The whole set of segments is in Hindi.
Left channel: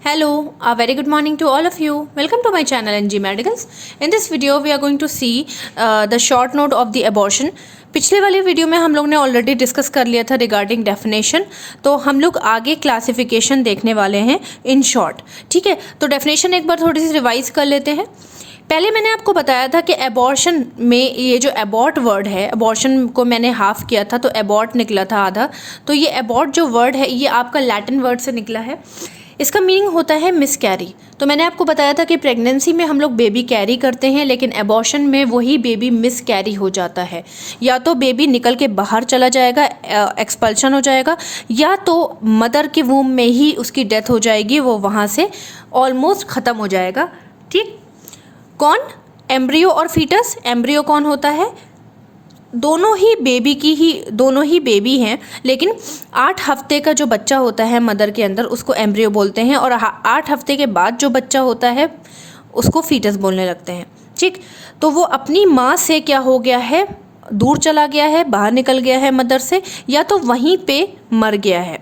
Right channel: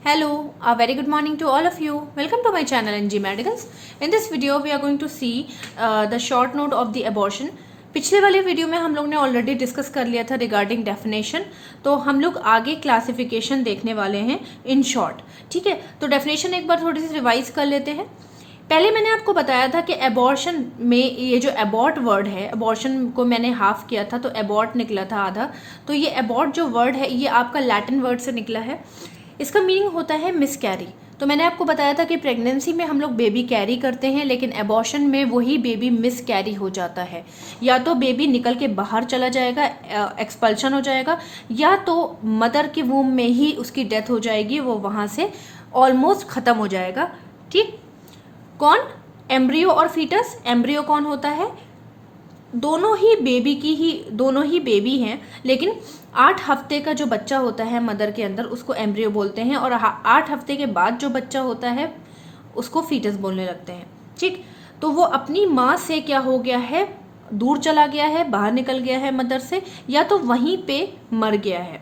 Hello, a very good morning to all of you. Welcome to my channel NG Medicals. In this video, we are going to see the short note of the abortion. पिछले वाली वीडियो में हम लोग ने ऑलरेडी डिस्कस कर लिया था रिगार्डिंग डेफिनेशन, तो हम लोग आगे क्लासिफिकेशन देखने वाले हैं इन शॉर्ट। ठीक है, तो डेफिनेशन एक बार थोड़ी सी रिवाइज कर लेते हैं। पहले मैंने आपको बताया था कि एबॉर्शन में ये जो एबॉर्ट वर्ड है, एबॉर्शन को मैंने हाफ किया था तो एबॉर्ट निकला था आधा। तो ये एबॉर्ट जो वर्ड है ये आपका लैटिन वर्ड से निकला है। इसका मीनिंग होता है मिस कैरी। तो मैंने आपको बताया था कि प्रेगनेंसी में हम लोग बेबी कैरी करते हैं, लेकिन एबॉर्शन में वही बेबी मिस कैरी हो जाता है। या तो बेबी निकल के बाहर चला जाएगा, एक्सपल्शन हो जाएगा, या तो मदर के वूम में ही उसकी डेथ हो जाएगी, वो वहाँ से ऑलमोस्ट ख़त्म हो जाएगा। ठीक, कौन? एम्ब्रियो और फीटस। एम्ब्रियो कौन होता है? दोनों ही बेबी हैं, लेकिन 8 हफ्ते का जो बच्चा होता है मदर के अंदर उसको एम्ब्रियो बोलते हैं, और 8 हफ्ते के बाद जो बच्चा होता है उसको फीटस बोलने लगते हैं। ठीक, तो वो अपनी माँ से क्या हो गया है, दूर चला गया है, बाहर निकल गया है मदर से, या तो वहीं पे मर गया है।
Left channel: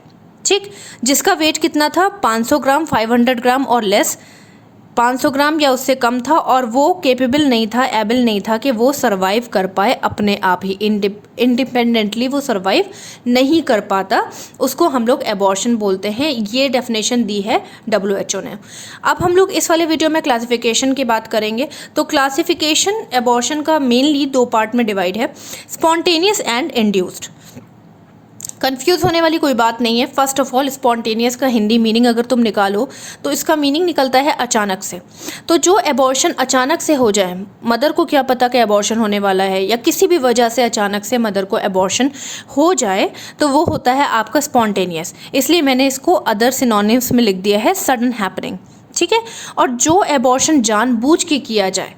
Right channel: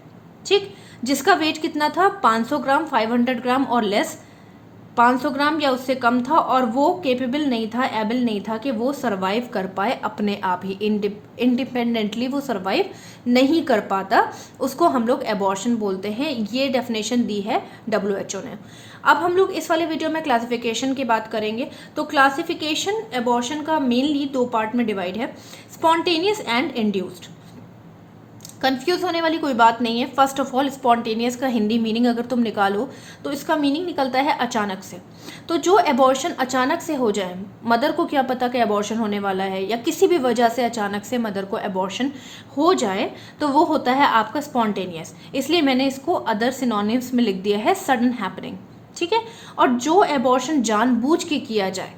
ठीक, जिसका वेट कितना था? 500 ग्राम, 500 ग्राम और लेस, 500 ग्राम या उससे कम था, और वो केपेबल नहीं था, एबल नहीं था कि वो सरवाइव कर पाए अपने आप ही, इंडिपेंडेंटली वो सरवाइव नहीं कर पाता, उसको हम लोग एबॉर्शन बोलते हैं। ये डेफिनेशन दी है WHO ने। अब हम लोग इस वाले वीडियो में क्लासिफिकेशन की बात करेंगे। तो क्लासिफिकेशन एबॉर्शन का मेनली 2 पार्ट में डिवाइड है, स्पॉन्टेनियस एंड इंड्यूस्ड। कंफ्यूज होने वाली कोई बात नहीं है। फर्स्ट ऑफ ऑल, स्पॉन्टेनियस का हिंदी मीनिंग अगर तुम निकालो तो इसका मीनिंग निकलता है अचानक से। तो जो एबॉर्शन अचानक से हो जाए, मदर को क्या पता कि एबॉर्शन होने वाला है, या किसी भी वजह से अचानक से मदर को एबॉर्शन हो जाए, तो वो होता है आपका स्पॉन्टेनियस। इसलिए मैंने इसको अदर सिनोनिम्स में लिख दिया है, सडन हैपनिंग। ठीक है, और जो एबॉर्शन जानबूझ के किया जाए,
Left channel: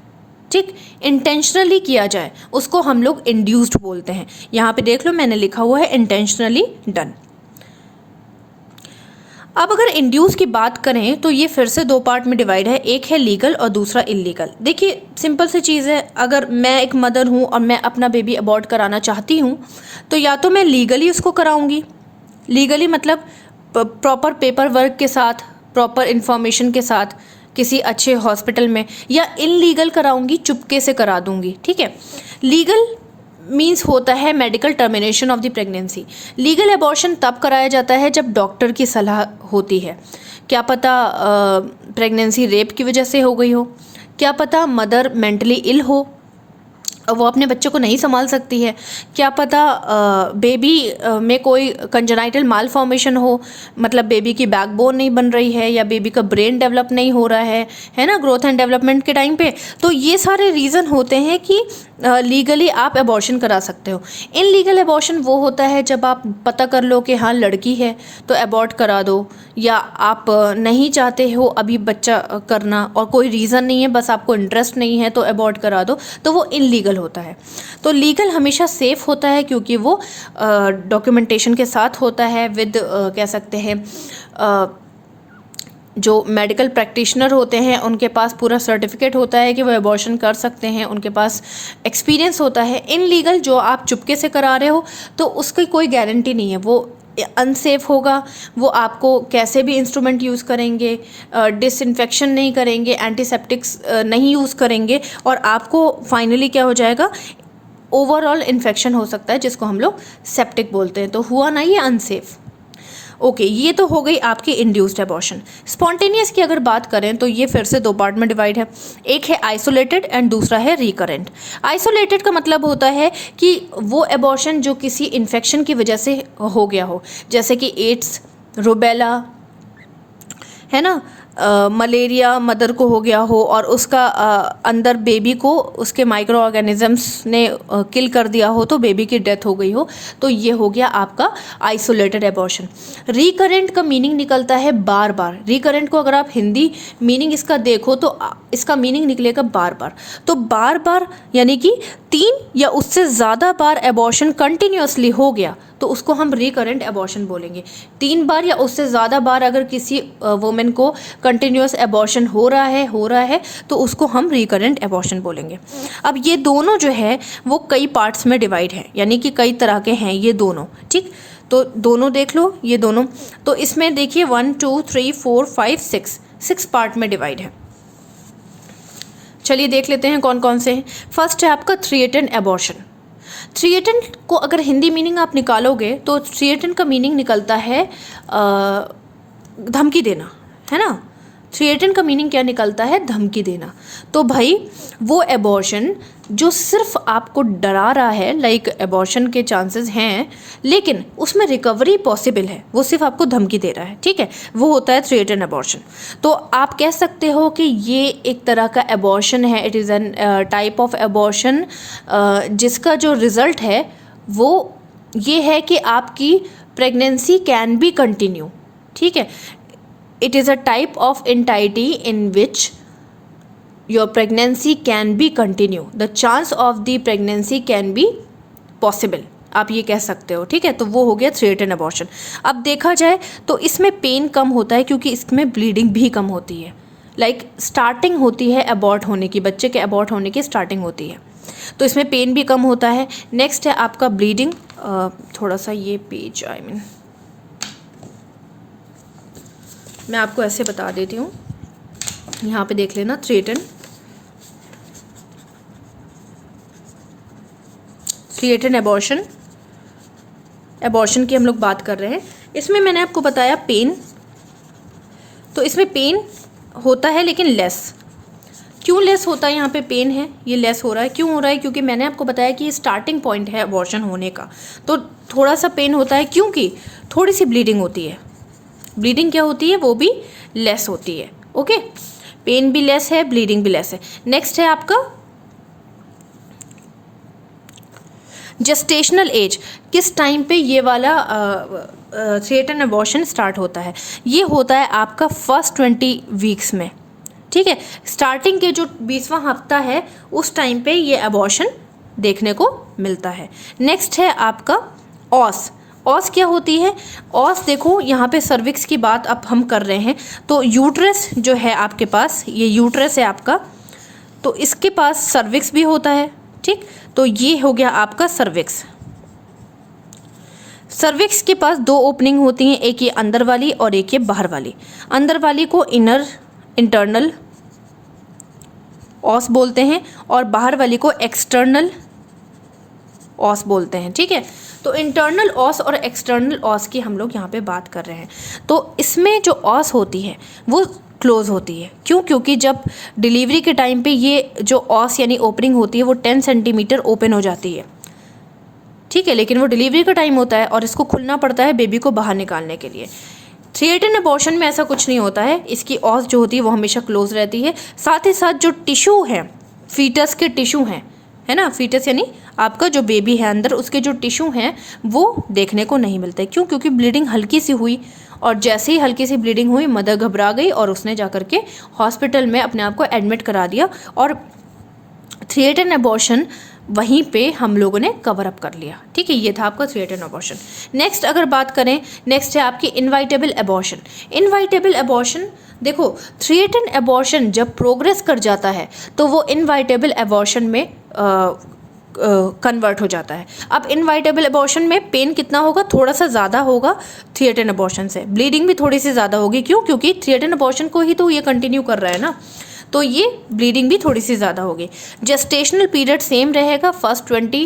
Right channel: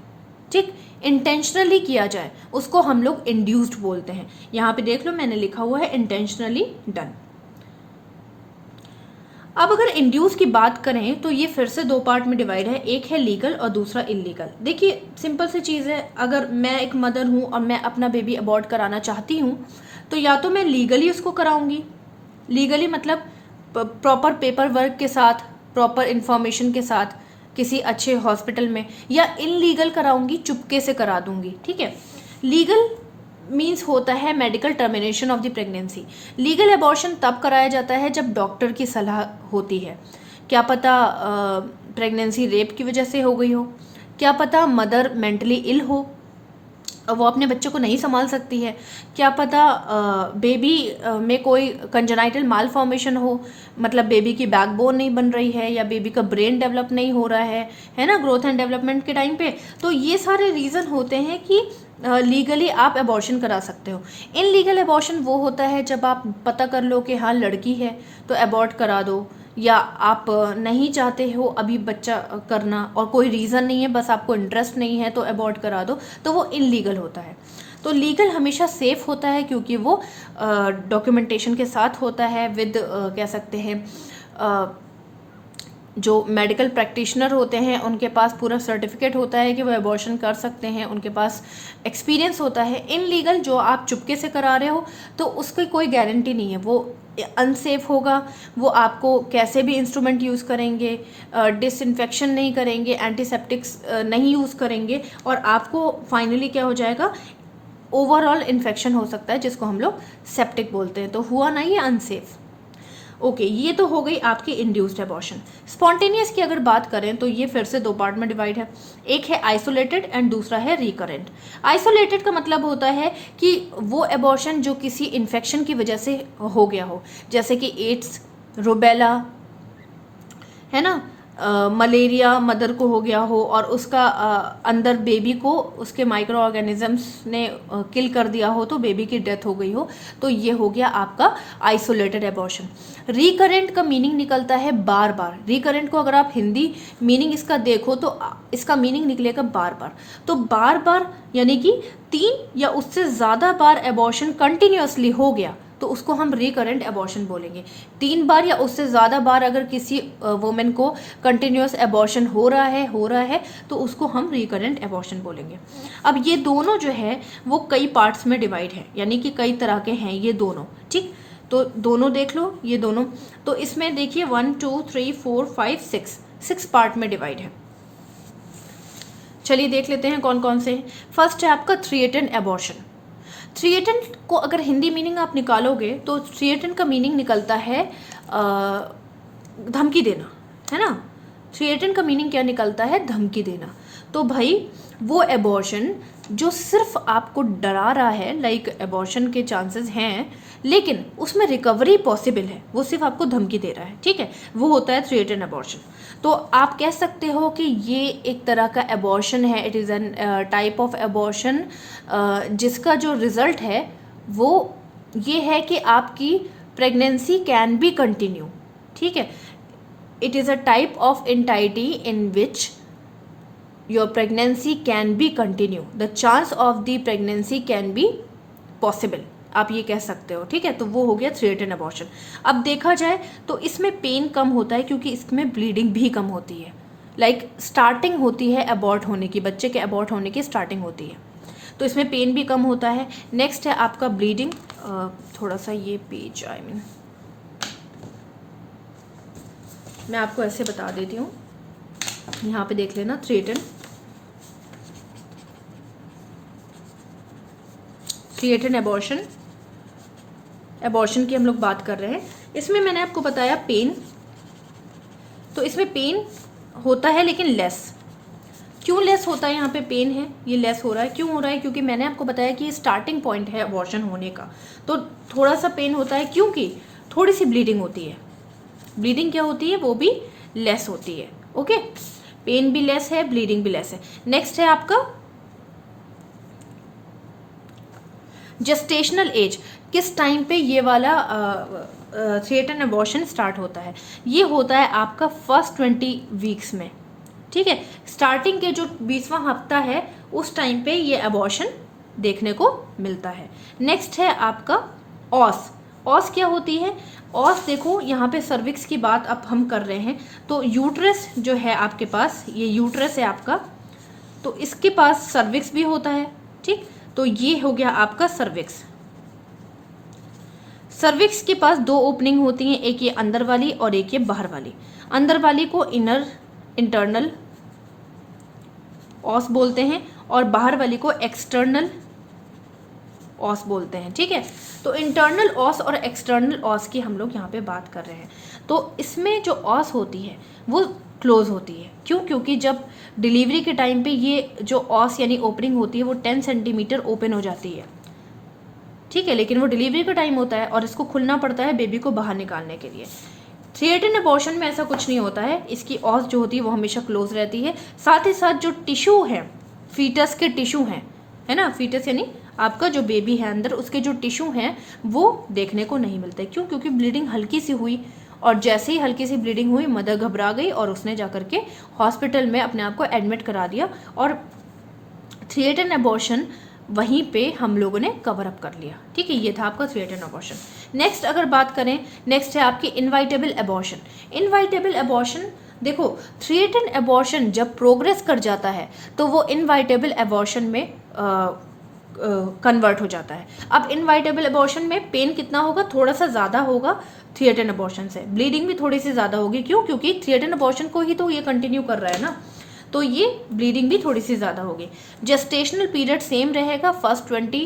ठीक, इंटेंशनली किया जाए, उसको हम लोग इंड्यूस्ड बोलते हैं। यहाँ पे देख लो मैंने लिखा हुआ है इंटेंशनली डन। अब अगर इंड्यूस की बात करें तो ये फिर से 2 पार्ट में डिवाइड है, एक है लीगल और दूसरा इलीगल। देखिए सिंपल सी चीज़ है, अगर मैं एक मदर हूँ और मैं अपना बेबी अबॉर्ट कराना चाहती हूँ तो या तो मैं लीगली उसको कराऊंगी, लीगली मतलब प्रॉपर पेपर वर्क के साथ, प्रॉपर इंफॉर्मेशन के साथ किसी अच्छे हॉस्पिटल में, या इनलीगल कराऊंगी, चुपके से करा दूंगी। ठीक है, लीगल मीन्स होता है medical termination of the pregnancy. Legal abortion तब कराया जाता है जब डॉक्टर की सलाह होती है। क्या पता प्रेगनेंसी रेप की वजह से हो गई हो, क्या पता मदर मेंटली इल हो, वो अपने बच्चे को नहीं संभाल सकती है, क्या पता बेबी में कोई कंजेनाइटल माल फॉर्मेशन हो, मतलब बेबी की बैकबोन नहीं बन रही है, या बेबी का ब्रेन डेवलप नहीं हो रहा है ना, ग्रोथ एंड डेवलपमेंट के टाइम पे। तो ये सारे रीज़न होते हैं कि लीगली आप एबॉर्शन करा सकते हो। इनलीगल एबॉर्शन वो होता है जब आप पता कर लो कि हाँ लड़की है तो एबॉर्ट करा दो, या आप नहीं चाहते हो अभी बच्चा करना और कोई रीज़न नहीं है, बस आपको इंटरेस्ट नहीं है तो एबॉर्ट करा दो, तो वो इनलीगल होता है। तो लीगल हमेशा सेफ़ होता है क्योंकि वो डॉक्यूमेंटेशन के साथ होता है, विद कह सकते हैं जो मेडिकल प्रैक्टिशनर होते हैं उनके पास पूरा सर्टिफिकेट होता है कि वो एबॉर्शन कर सकते हैं, उनके पास एक्सपीरियंस होता है। इनलीगल जो आप चुपके से करा रहे हो तो उसकी कोई गारंटी नहीं है, वो अनसेफ होगा, वो आपको कैसे भी इंस्ट्रूमेंट यूज़ करेंगे, डिसइंफेक्शन नहीं करेंगे, एंटीसेप्टिक्स नहीं यूज़ करेंगे, और आपको फाइनली क्या हो जाएगा, ओवरऑल इन्फेक्शन हो सकता है जिसको हम लोग सेप्टिक बोलते हैं। तो हुआ ना ये अनसेफ। ओके, ये तो हो गई आपकी इंड्यूस्ड एबॉर्शन। स्पॉन्टेनियस की अगर बात करें तो ये फिर से 2 पार्ट में डिवाइड है, एक है आइसोलेटेड एंड दूसरा है रिकरेंट। आइसोलेटेड का मतलब होता है कि वो एबॉर्शन जो किसी इन्फेक्शन की वजह से हो गया हो, जैसे कि एड्स, रुबेला, है ना, मलेरिया मदर को हो गया हो और उसका अंदर बेबी को उसके माइक्रो ऑर्गेनिजम्स ने किल कर दिया हो, तो बेबी की डेथ हो गई हो, तो ये हो गया आपका आइसोलेटेड एबॉर्शन। रिकरेंट का मीनिंग निकलता है बार बार। रिकरेंट को अगर आप हिंदी मीनिंग इसका देखो तो इसका मीनिंग निकलेगा बार बार। तो बार बार यानी कि 3 या उससे ज़्यादा बार एबॉर्शन कंटिन्यूसली हो गया तो उसको हम रिकरेंट एबॉर्शन बोलेंगे। 3 बार या उससे ज़्यादा बार अगर किसी वुमेन को कंटिन्यूस एबॉर्शन हो रहा है तो उसको हम रिकरेंट एबॉर्शन बोलेंगे। अब ये दोनों जो है वो कई पार्ट्स में डिवाइड है, यानी कि कई तरह के हैं ये दोनों। ठीक, तो दोनों देख लो, ये दोनों। तो इसमें देखिए 1 2 3 4 5 6 पार्ट में डिवाइड है। चलिए देख लेते हैं कौन कौन से हैं। फर्स्ट है आपका 3-8 एबॉर्शन। 3-8 को अगर हिंदी मीनिंग आप निकालोगे तो 3-8 का मीनिंग निकलता है धमकी देना, है ना। 3-8 का मीनिंग क्या निकलता है? धमकी देना। तो भाई वो एबॉर्शन जो सिर्फ आपको डरा रहा है, लाइक एबॉर्शन के चांसेस हैं लेकिन उसमें रिकवरी पॉसिबल है, वो सिर्फ आपको धमकी दे रहा है, ठीक है, वो होता है 3-8 एबॉर्शन। तो आप कह सकते हो कि ये एक तरह का एबॉर्शन है, it is an type of abortion जिसका जो रिज़ल्ट है वो ये है कि आपकी प्रेगनेंसी कैन बी कंटिन्यू, ठीक है। It is a type of entity in which your pregnancy can be continue. The chance of the pregnancy can be possible. आप ये कह सकते हो, ठीक है। तो वो हो गया 3-8 एबॉर्शन। अब देखा जाए तो इसमें पेन कम होता है क्योंकि इसमें ब्लीडिंग भी कम होती है। लाइक स्टार्टिंग होती है अबॉर्ट होने की, बच्चे के अबॉर्ट होने की स्टार्टिंग होती है, तो इसमें पेन भी कम होता है। नेक्स्ट है आपका ब्लीडिंग। थोड़ा सा ये पेज मैं आपको ऐसे बता देती हूँ, यहाँ पे देख लेना 3-8 एबॉर्शन की हम लोग बात कर रहे हैं। इसमें मैंने आपको बताया पेन, तो इसमें पेन होता है लेकिन लेस। क्यों लेस होता है? यहाँ पे पेन है, ये लेस हो रहा है। क्यों हो रहा है? क्योंकि मैंने आपको बताया कि ये स्टार्टिंग पॉइंट है एबॉर्शन होने का, तो थोड़ा सा पेन होता है क्योंकि थोड़ी सी ब्लीडिंग होती है। ब्लीडिंग क्या होती है? वो भी लेस होती है, ओके। पेन भी लेस है, ब्लीडिंग भी लेस है। नेक्स्ट है आपका जेस्टेशनल एज। किस टाइम पे ये वाला 3-8 एबॉर्शन स्टार्ट होता है? ये होता है आपका फर्स्ट 20 वीक्स में, ठीक है। स्टार्टिंग के जो 20वां हफ्ता है उस टाइम पे ये एबॉर्शन देखने को मिलता है। नेक्स्ट है आपका ऑस। ऑस क्या होती है? ऑस देखो, यहाँ पे सर्विक्स की बात अब हम कर रहे हैं, तो यूट्रस जो है आपके पास, ये यूट्रस है आपका, तो इसके पास सर्विक्स भी होता है, ठीक। तो ये हो गया आपका सर्विक्स। सर्विक्स के पास 2 ओपनिंग होती हैं, एक ये अंदर वाली और एक ये बाहर वाली। अंदर वाली को इंटरनल ऑस बोलते हैं और बाहर वाली को एक्सटर्नल ऑस बोलते हैं, ठीक है। तो इंटरनल ऑस और एक्सटर्नल ऑस की हम लोग यहाँ पे बात कर रहे हैं। तो इसमें जो ऑस होती है वो क्लोज होती है। क्यों? क्योंकि जब डिलीवरी के टाइम पे ये जो ऑस यानी ओपनिंग होती है वो 10 सेंटीमीटर ओपन हो जाती है, ठीक है, लेकिन वो डिलीवरी का टाइम होता है और इसको खुलना पड़ता है बेबी को बाहर निकालने के लिए। 3-8 एबॉर्शन में ऐसा कुछ नहीं होता है, इसकी ऑस जो होती है वो हमेशा क्लोज रहती है। साथ ही साथ जो टिश्यू है, फीटस के टिश्यू हैं, है ना, फीटस यानी आपका जो बेबी है अंदर, उसके जो टिश्यू हैं वो देखने को नहीं मिलते। क्यों? क्योंकि ब्लीडिंग हल्की सी हुई और जैसे ही हल्की सी ब्लीडिंग हुई मदर घबरा गई और उसने जाकर के हॉस्पिटल में अपने आप को एडमिट करा दिया और 3-8 एबॉर्शन वहीं पे हम लोगों ने कवर अप कर लिया, ठीक है। ये था आपका 3-8 एबॉर्शन। नेक्स्ट अगर बात करें, नेक्स्ट है आपकी इनवाइटेबल एबॉर्शन। इनवाइटेबल एबॉर्शन देखो, 3-8 एबॉर्शन जब प्रोग्रेस कर जाता है तो वो इनवाइटेबल एबॉर्शन में कन्वर्ट हो जाता है। अब इनवाइटेबल एबॉर्शन में पेन कितना होगा? थोड़ा सा ज़्यादा होगा 3-8 एबॉर्शन से। ब्लीडिंग भी थोड़ी सी ज़्यादा होगी। क्यों? क्योंकि 3-8 एबॉर्शन को ही तो ये कंटिन्यू कर रहा है ना, तो ये ब्लीडिंग भी थोड़ी सी ज़्यादा होगी। जेस्टेशनल पीरियड सेम रहेगा, फर्स्ट 20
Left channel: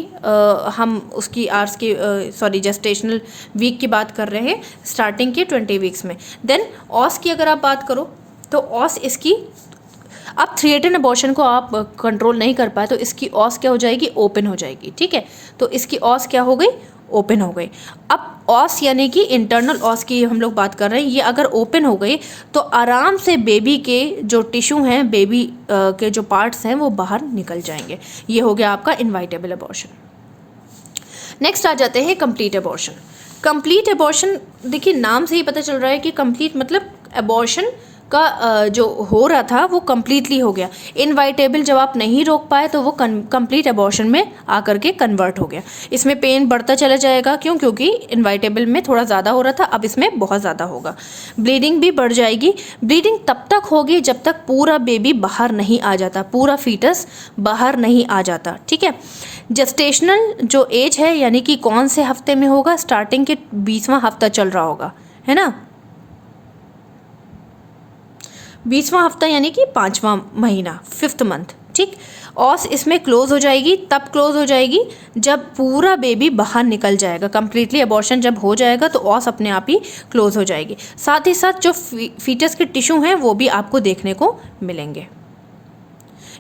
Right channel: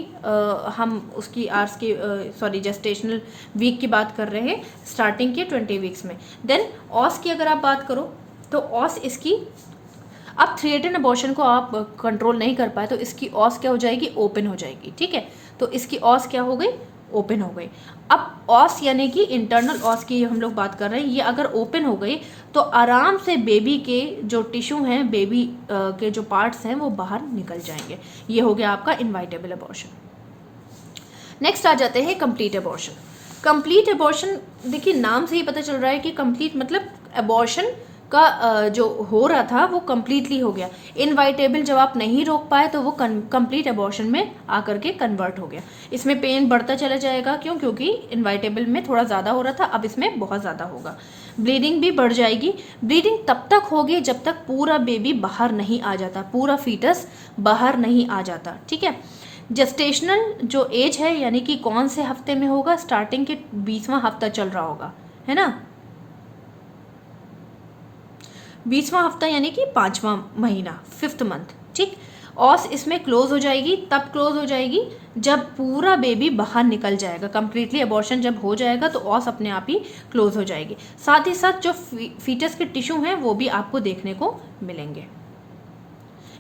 हम उसकी आवर्स की जेस्टेशनल वीक की बात कर रहे हैं, स्टार्टिंग के 20 वीक्स में। देन ऑस की अगर आप बात करो तो ऑस इसकी, अब 3-8 एबॉर्शन को आप कंट्रोल नहीं कर पाए तो इसकी ऑस क्या हो जाएगी? ओपन हो जाएगी, ठीक है। तो इसकी ऑस क्या हो गई? ओपन हो गई। अब ऑस यानी कि इंटरनल ऑस की हम लोग बात कर रहे हैं, ये अगर ओपन हो गई तो आराम से बेबी के जो टिश्यू हैं, बेबी के जो पार्ट्स हैं वो बाहर निकल जाएंगे। ये हो गया आपका इनवाइटेबल एबॉर्शन। नेक्स्ट आ जाते हैं कंप्लीट एबॉर्शन। कंप्लीट एबॉर्शन देखिए नाम से ही पता चल रहा है कि कंप्लीट मतलब एबॉर्शन का जो हो रहा था वो कम्प्लीटली हो गया। इनवाइटेबल जब आप नहीं रोक पाए तो वो कंप्लीट एबॉर्शन में आकर के कन्वर्ट हो गया। इसमें पेन बढ़ता चला जाएगा, क्यों? क्योंकि इनवाइटेबल में थोड़ा ज़्यादा हो रहा था, अब इसमें बहुत ज़्यादा होगा। ब्लीडिंग भी बढ़ जाएगी। ब्लीडिंग तब तक होगी जब तक पूरा बेबी बाहर नहीं आ जाता, पूरा फीटस बाहर नहीं आ जाता, ठीक है। जेस्टेशनल जो एज है, यानी कि कौन से हफ्ते में होगा, स्टार्टिंग के 20वां हफ्ता चल रहा होगा, है ना। 20वां हफ्ता यानी कि 5वां महीना, 5th मंथ, ठीक। ऑस इसमें क्लोज हो जाएगी, तब क्लोज हो जाएगी जब पूरा बेबी बाहर निकल जाएगा। कंप्लीटली अबॉर्शन जब हो जाएगा तो ऑस अपने आप ही क्लोज हो जाएगी। साथ ही साथ जो फीटस के टिश्यू हैं वो भी आपको देखने को मिलेंगे।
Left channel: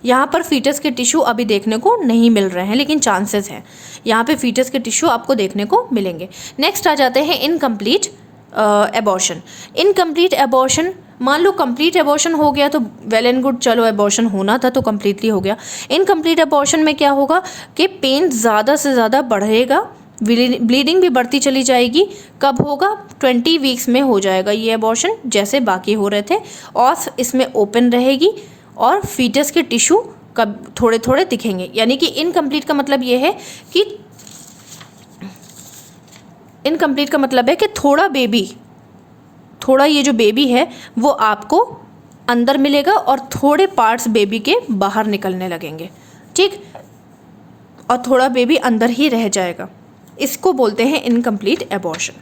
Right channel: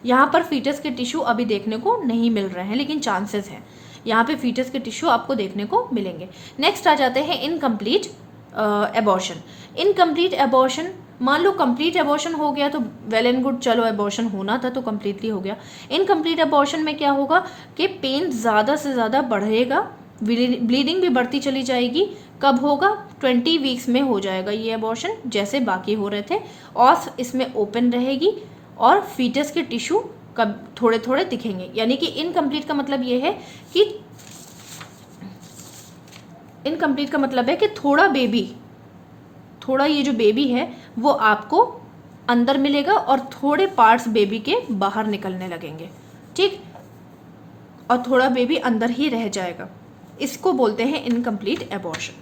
यहाँ पर फीटस के टिश्यू अभी देखने को नहीं मिल रहे हैं, लेकिन चांसेस हैं। यहाँ पे फीटस के टिश्यू आपको देखने को मिलेंगे। नेक्स्ट आ जाते हैं इनकम्प्लीट एबॉर्शन। इनकम्प्लीट एबॉर्शन, मान लो कंप्लीट एबॉर्शन हो गया तो वेल एंड गुड, चलो एबॉर्शन होना था तो कंप्लीटली हो गया। इनकम्प्लीट एबॉर्शन में क्या होगा कि पेन ज़्यादा से ज़्यादा बढ़ेगा, ब्लीडिंग भी बढ़ती चली जाएगी। कब होगा? 20 वीक्स में हो जाएगा ये एबॉर्शन, जैसे बाकी हो रहे थे। और इसमें ओपन रहेगी और फीटस के टिश्यू कब थोड़े थोड़े दिखेंगे। यानी कि इनकम्प्लीट का मतलब ये है कि इनकम्प्लीट का मतलब है कि थोड़ा ये जो बेबी है वो आपको अंदर मिलेगा और थोड़े पार्ट्स बेबी के बाहर निकलने लगेंगे, ठीक। और थोड़ा बेबी अंदर ही रह जाएगा। इसको बोलते हैं इनकम्प्लीट एबॉर्शन।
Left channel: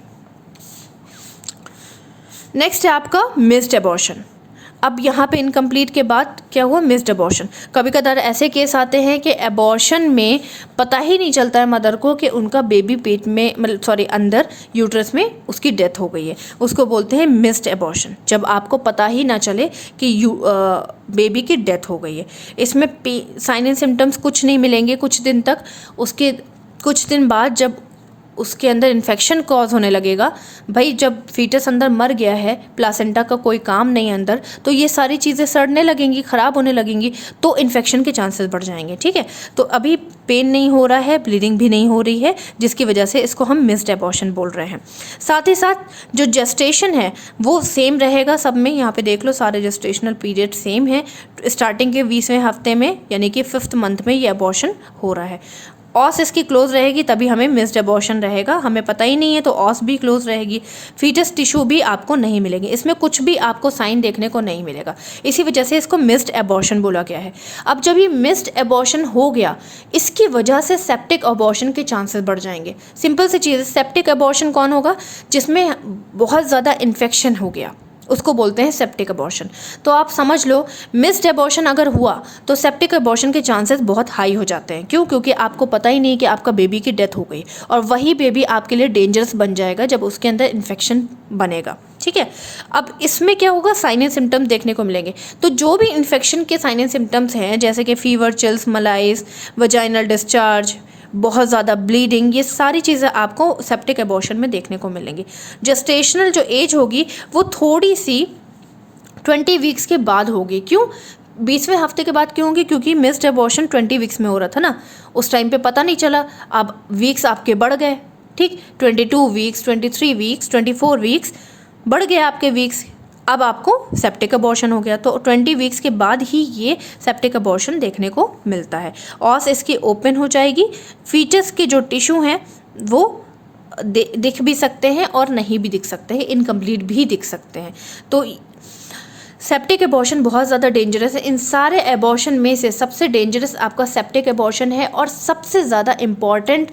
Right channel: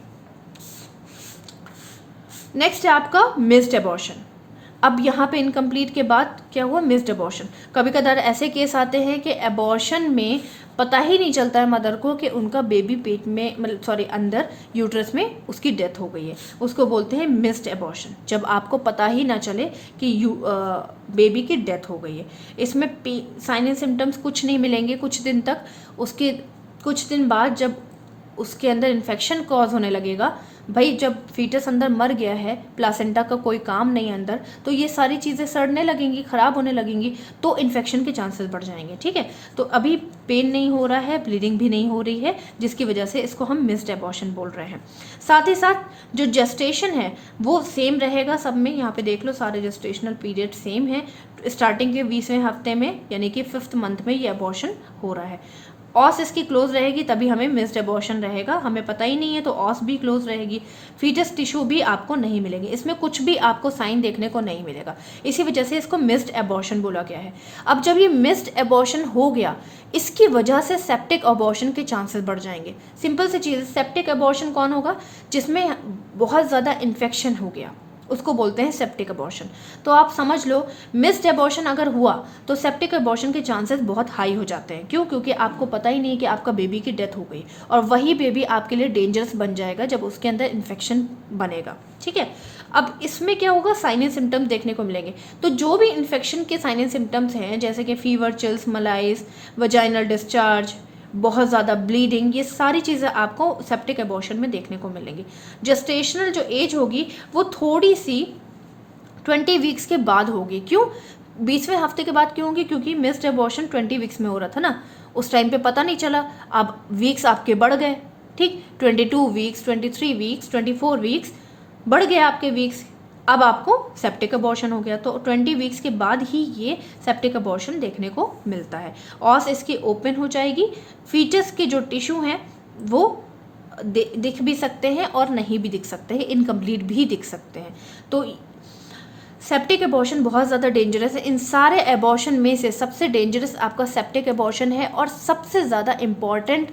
नेक्स्ट है आपका मिस्ड एबॉर्शन। अब यहाँ पे इनकम्प्लीट के बाद क्या हुआ? Missed abortion. कभी कदार ऐसे केस आते हैं कि एबॉर्शन में पता ही नहीं चलता है मदर को कि उनका बेबी पेट में, मतलब सॉरी, अंदर यूट्रस में उसकी डेथ हो गई है। उसको बोलते हैं मिस्ड एबॉर्शन, जब आपको पता ही ना चले कि बेबी की डेथ हो गई है। इसमें साइन एंड सिम्टम्स कुछ नहीं मिलेंगे कुछ दिन तक। उसके कुछ दिन बाद जब उसके अंदर इन्फेक्शन कॉज होने लगेगा, भाई जब फीटस अंदर मर गया है, प्लासेंटा का कोई काम नहीं है अंदर, तो ये सारी चीज़ें सड़ने लगेंगी, ख़राब होने लगेंगी, तो इन्फेक्शन के चांसेस बढ़ जाएंगे, ठीक है। तो अभी पेन नहीं हो रहा है, ब्लीडिंग भी नहीं हो रही है, जिसकी वजह से इसको हम मिस्ड एबॉर्शन बोल रहे हैं। साथ ही साथ जो जेस्टेशन है वो सेम रहेगा सब में। यहाँ पे देख लो, सारे जेस्टेशनल पीरियड सेम है। स्टार्टिंग के 20वें हफ्ते में यानी कि 5th मंथ में ये एबॉर्शन हो रहा है। ऑस इसकी क्लोज रहेगी तभी हमें मिस्ड एबॉर्शन रहेगा। हमें पता ही नहीं है तो ऑस भी क्लोज रहेगी। फीटस टिश्यू भी आपको नहीं मिलेंगे, इसमें कुछ भी आपको साइन देखने को नहीं मिलेगा। इसी वजह से इसको मिस्ड एबॉर्शन बोला गया है। अब जब ये मिस्ड एबॉर्शन हो गया, इसकी वजह से सेप्टिक एबॉर्शन के चांसेस बढ़ जाएंगे। सिंपल सी चीज़, सेप्टिक एबॉर्शन कौन होगा? जिसमें बहुत ज़्यादा इन्फेक्शन हो गया, उसको बोलते हैं सेप्टिक एबॉर्शन। तो आप समझ लो, मिस्ड एबॉर्शन अगर हुआ तो सेप्टिक एबॉर्शन के चांसेस बहुत हाई हो जाते हैं। क्यों? क्योंकि आपको पता ही नहीं कि आपका बेबी की डेथ हो गई, और वही बेबी आपके लिए डेंजरस बन जाएगा जब उसके अंदर इन्फेक्शन बनेगा, ठीक है। अब इसमें क्या होगा? साइन एंड सिम्टम्स देखने को मिलेंगे। तो जो भी इन्फेक्शन के साइन एंड सिम्टम्स हैं, जैसे कि फीवर, चिल्स, मलाइज, वजाइनल डिस्चार्ज, बहुत ज़्यादा ब्लीडिंग, ये सारी चीज़ें आपको सेप्टिक एबॉर्शन में देखने को मिलेंगी। जेस्टेशनल जो एज होगी वो थोड़ी सी 20 वीक्स के बाद होगी। क्यों? 20वें हफ्ते के बाद क्यों होगी? क्योंकि मिस्ड एबॉर्शन 20 वीक्स में हो रहा था ना, उस टाइम पे पता नहीं चला। अब वीक्स आपके बढ़ गए, ठीक, 22 वीक्स, 23 वीक्स, 24 वीक्स बढ़ गए आपके वीक्स। अब आपको सेप्टिक एबॉर्शन हो गया, तो 20 वीक्स के बाद ही ये सेप्टिक एबॉर्शन देखने को मिलता है। ऑस इसकी ओपन हो जाएगी। फीटस के जो टिश्यू हैं वो दिख भी सकते हैं और नहीं भी दिख सकते हैं, इनकम्प्लीट भी दिख सकते हैं। तो सेप्टिक एबॉर्शन बहुत ज़्यादा डेंजरस है। इन सारे एबॉर्शन में से सबसे डेंजरस आपका सेप्टिक एबॉर्शन है, और सबसे ज़्यादा इम्पॉर्टेंट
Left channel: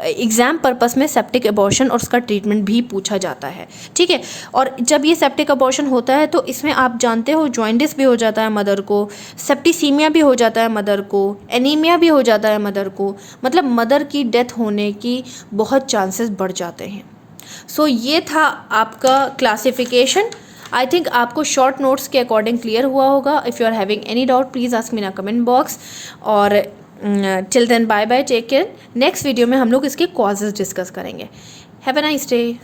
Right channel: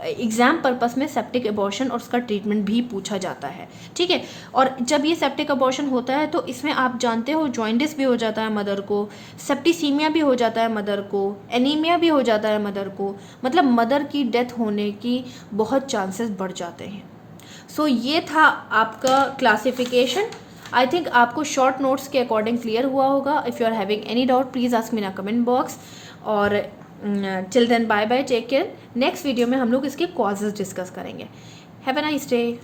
एग्ज़ाम पर्पस में सेप्टिक एबॉर्शन और उसका ट्रीटमेंट भी पूछा जाता है, ठीक है। और जब ये सेप्टिक एबॉर्शन होता है तो इसमें आप जानते हो जॉइंडिस भी हो जाता है मदर को, सेप्टिसीमिया भी हो जाता है मदर को, एनीमिया भी हो जाता है मदर को, मतलब मदर की डेथ होने की बहुत चांसेस बढ़ जाते हैं। सो ये था आपका क्लासिफिकेशन। आई थिंक आपको शॉर्ट नोट्स के अकॉर्डिंग क्लियर हुआ होगा। If you are having any doubt please ask me in comment box. और till then bye bye, take care. Next video में हम लोग इसके कॉजेज़ डिस्कस करेंगे। Have a nice day.